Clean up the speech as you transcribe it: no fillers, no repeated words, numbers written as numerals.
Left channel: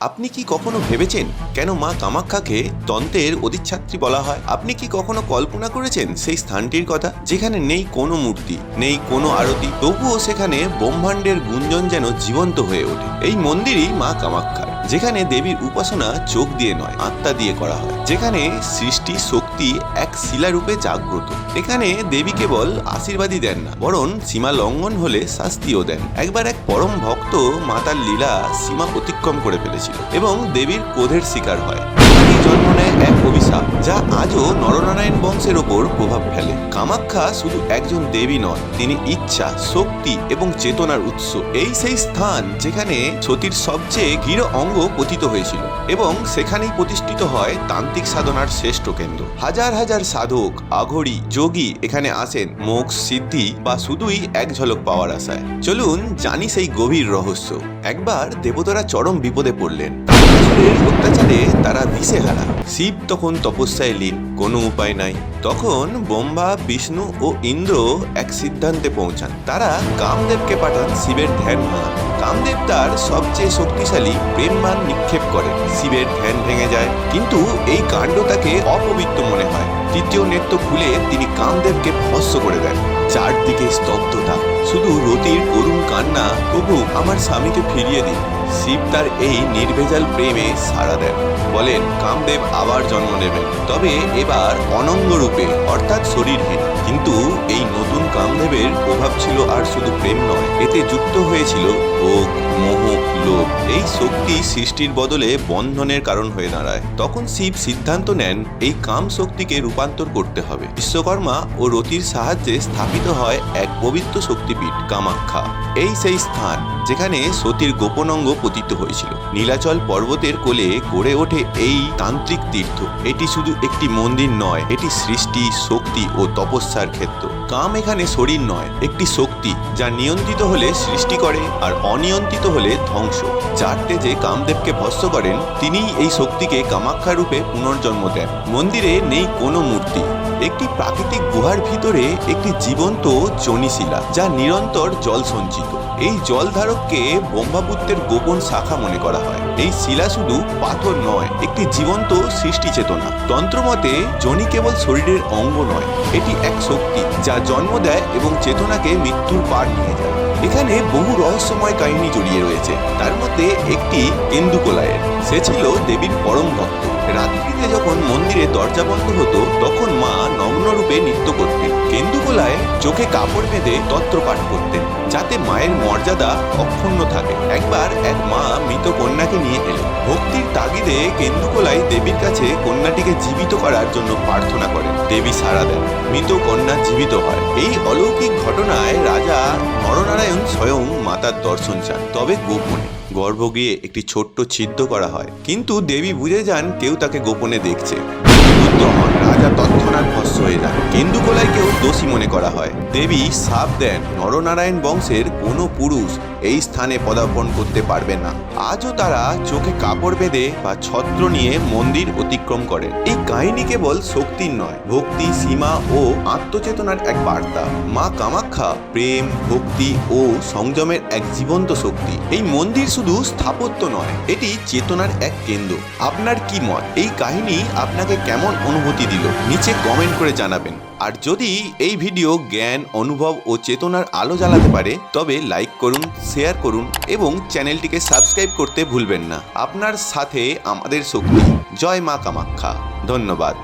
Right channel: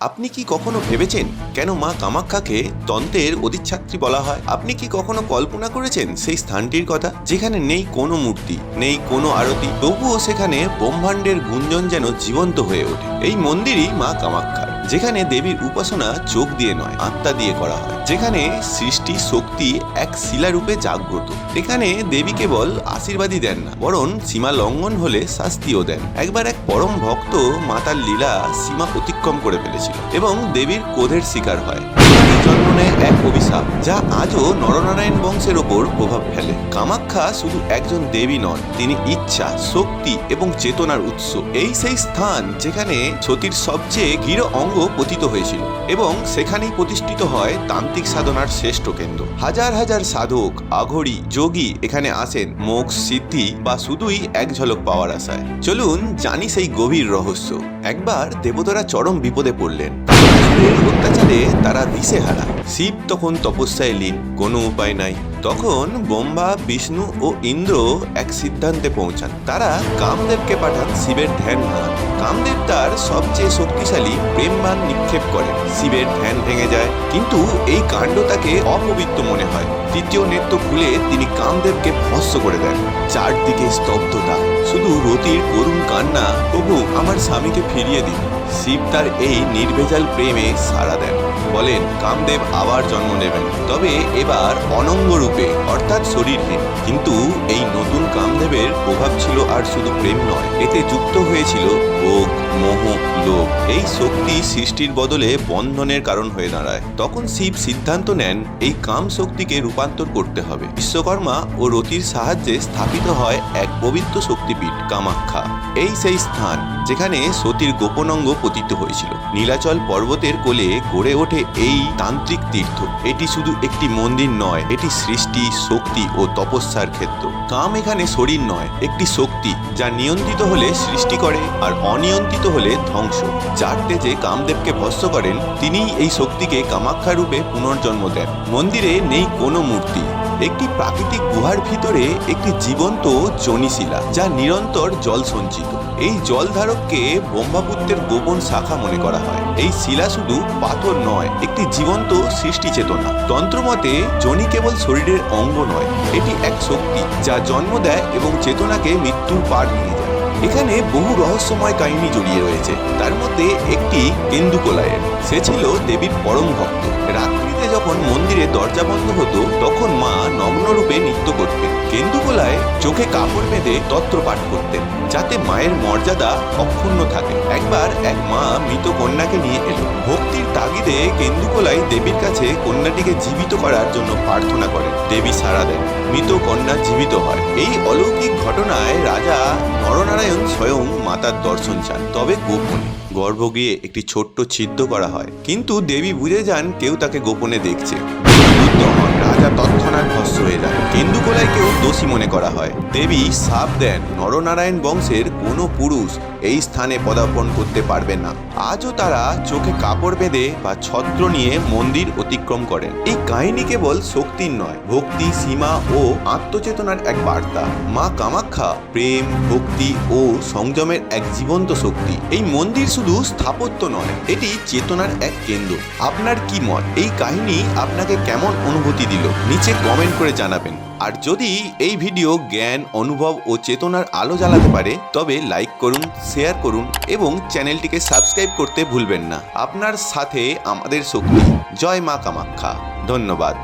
আপনি কি কখনো ভেবেছেন কেন মা কামাখ্যাকে তন্ত্রের অধিষ্ঠাত্রী বলা হয়? আপনি কি কখনো কল্পনা করেছেন সেই স্থানটির কথা, যেখানে নেই কোনো মূর্তি, নেই কোনো আরতি, তবুও সেখানে ব্রহ্মাণ্ডের গুঞ্জন যেন জীবন্ত হয়ে ওঠে? এই মন্দিরই মা কামাখ্যার, যেখানে দেবীর উপাসনা চোখ দিয়ে নয়, আত্মা দিয়ে করা হয়, যেখানে সৃষ্টি শক্তি এক শিলারূপে জাগ্রত। এখানে দেবী কেবল আশীর্বাদই দেন না, বরং সীমা লঙ্ঘন হলে শাস্তিও দেন। একবার এক পরম ভক্ত মাতার লীলা সীমা অতিক্রম করে ফেলেছিল এবং দেবীর ক্রোধের শিকার হয়। জন্ম নেয় এক অভিশাপ, যা আজও নরনারায়ণ বংশের ওপর প্রভাব ফেলে। কামাখ্যা শুধু একজন দেবী নন, তিনি ইচ্ছা, শক্তি এবং চেতনার উৎস। এই সেই স্থান যেখানে সতীর সবচেয়ে গৃহ অঙ্গ পতিত হয়েছিল এবং সেখানেই প্রতিষ্ঠিত হয় তান্ত্রিক সাধনার শ্রেষ্ঠ কেন্দ্র। হাজার হাজার সাধক, আঘরি, যোগী এখানে আসেন মোক্ষ, সিদ্ধি বা শুধুই এক ঝলক পাওয়ার আশায়। চলুন জানি সেই গভীর রহস্য। একবার দেবতারা চরম বিপদে পড়লেন। অত্যাচারে তারা দিশেহারা। শিব তখন তপস্যায় লীন, কোনো উপায় নাই। তখন ব্রহ্মা, বিষ্ণু ও ইন্দ্র এক সিদ্ধান্তে পৌঁছান। তারা কামদেবকে পাঠান শিবের ধ্যান ভাঙাতে। কামদেব তার সবচেয়ে শক্তিশালী প্রেমবাণ নিক্ষেপ করেন। শিবের ধ্যান ভেঙে যায়, কিন্তু এই কাণ্ড তাকে অপবিত্র মনে হয়। তৃতীয় নেত্র খুলে তিনি কামদেবকে ভস্ম করে দেন। চারদিকে স্তব্ধতা, শুধু রতির করুণ কান্না, প্রভু আমার স্বামীকে ফিরিয়ে দিন। শিব তার এই নির্ভেজাল প্রেমে সাড়া দেন, বলেন কামদেব আবার জন্ম নেবেন, তবে এবার অনঙ্গ রূপে, অর্থাৎ শরীরহীন। কিন্তু এই নতুন কামদেবের প্রভাব ছিল আর শুধু প্রেম নয়, এতে যুক্ত হয়েছিল ভোগ, মোহ, লোভ। এই শক্তি সৃষ্টির বদলে বন্ধনের কারণ হয়ে দাঁড়ায়। তখন শিব সিদ্ধান্ত নেন এই কাম শক্তিকে রূপান্তর করতে হবে। বিশ্বকর্মা ও রতির সাহায্যে স্থাপিত হয় এক পবিত্র শক্তিপীঠ কামাখ্যা। এই সেই স্থান যেখানে সতীর গোপন অঙ্গ পতিত হয়েছিল। নীলাচল পর্বতের কোলে গড়ে ওঠে এই তান্ত্রিক তীর্থ। এটি শুধু একটি মন্দির নয়, এটি সৃষ্টি, শক্তি ও তপস্যার ক্ষেত্র। কাম এখানে শরীর নয়, একটি শক্তি যা নিয়ন্ত্রিত হলে সৃষ্টি করে আর অনিয়ন্ত্রিত হলে ধ্বংস। যার তেজে কামদেবকে ভস্ম করেন, তিনিই এই শক্তিকে কামাখ্যা রূপে পুনর্জন্ম দেন। মন্দিরে নেই কোনো মূর্তি, একটি প্রাকৃতিক গুহার ভিতরে একটি জীবন্ত যোনিশিলা, যা নিরন্তর জল সঞ্চিত। এই জলধারককে ব্রহ্মপুত্রের গোপন শাখা মনে করা হয়। এই শিলা শুধু পাথর নয়, একটি জীবন্ত সৃষ্টি চেতনা। তন্ত্রমতে যোনি কেবল শরীরের অঙ্গ নয়, এটি এক শক্তি যা জন্ম দেয় এবং চেতনাকে মৃত্যুর পার নিয়ে যায়। এখানে বহু রহস্যময় কাহিনী জড়িয়ে রয়েছে। তার মধ্যে একটি কেন্দুকলাইয়ের। সে ছিল দেবীর পরম ভক্ত। রাত্রিতে যখন মন্দিরে দরজা বন্ধ হতো, তখন মা নগ্ন রূপে নৃত্য করতেন। কেন্দুকলায় চোখে কাপড় বেঁধে তন্ত্র পাঠ করতেন, যাতে মায়ের মর্যাদা অক্ষুণ্ণ থাকে। একবার এক মা মৃত কন্যাকে নিয়ে এলো। ভক্তির তাগিদে কেন্দুকলাই দেবীর কাছে কন্যাটিকে জীবিত করার জন্য প্রার্থনা করেন। দেবী সাড়া দেন, মৃত কন্যা জীবিত হয়। এই অলৌকিক ঘটনায় রাজা নরনারায়ণ স্বয়ং মাতার দর্শন চান, তবে গোপনে। গর্ভগৃহে একটি ছোট্ট ছিদ্র করা হয়, কিন্তু দেবী বুঝে যান কেউ তাকে গোপনে দেখছে। রাজা তৎক্ষণাৎ ভস্ম হয়ে যান। কেন্দুকলাইকেও দোষী মনে করা হয়। দেবী শাপ দেন, নরনারায়ণ বংশের কোনো পুরুষ এই স্থানে পদার্পণ করতে পারবে না। আজও তারা চোখে কাপড় বেঁধে বা ছত্র নিয়ে মন্দির অতিক্রম করেন। এই কাহিনী কেবল শক্তির নয়, ভক্তি, সীমা ও আত্মচেতনার এক বার্তা। মা কামাখ্যা প্রেম, ভক্তি ও সংযমের এক জীবন্ত শক্তি। এই মন্দির শুধু স্থাপত্য নয়, এটি চেতনার এক কেন্দ্র। আপনার কি মত? এই কাহিনী আপনাকে কেমন অনুভূতি দিল? নিচে কমেন্ট করে জানাবেন। আর যদি এই ভিডিও জ্ঞান, অনুভব ও চেতনার আলো জ্বালাতে পারে, তবে লাইক করুন, শেয়ার করুন এবং চ্যানেলটিকে সাবস্ক্রাইব করতে ভুলবেন না। আপনার সাথে আমাদের শক্তি। জয় মা কামাখ্যা। ধন্যবাদ।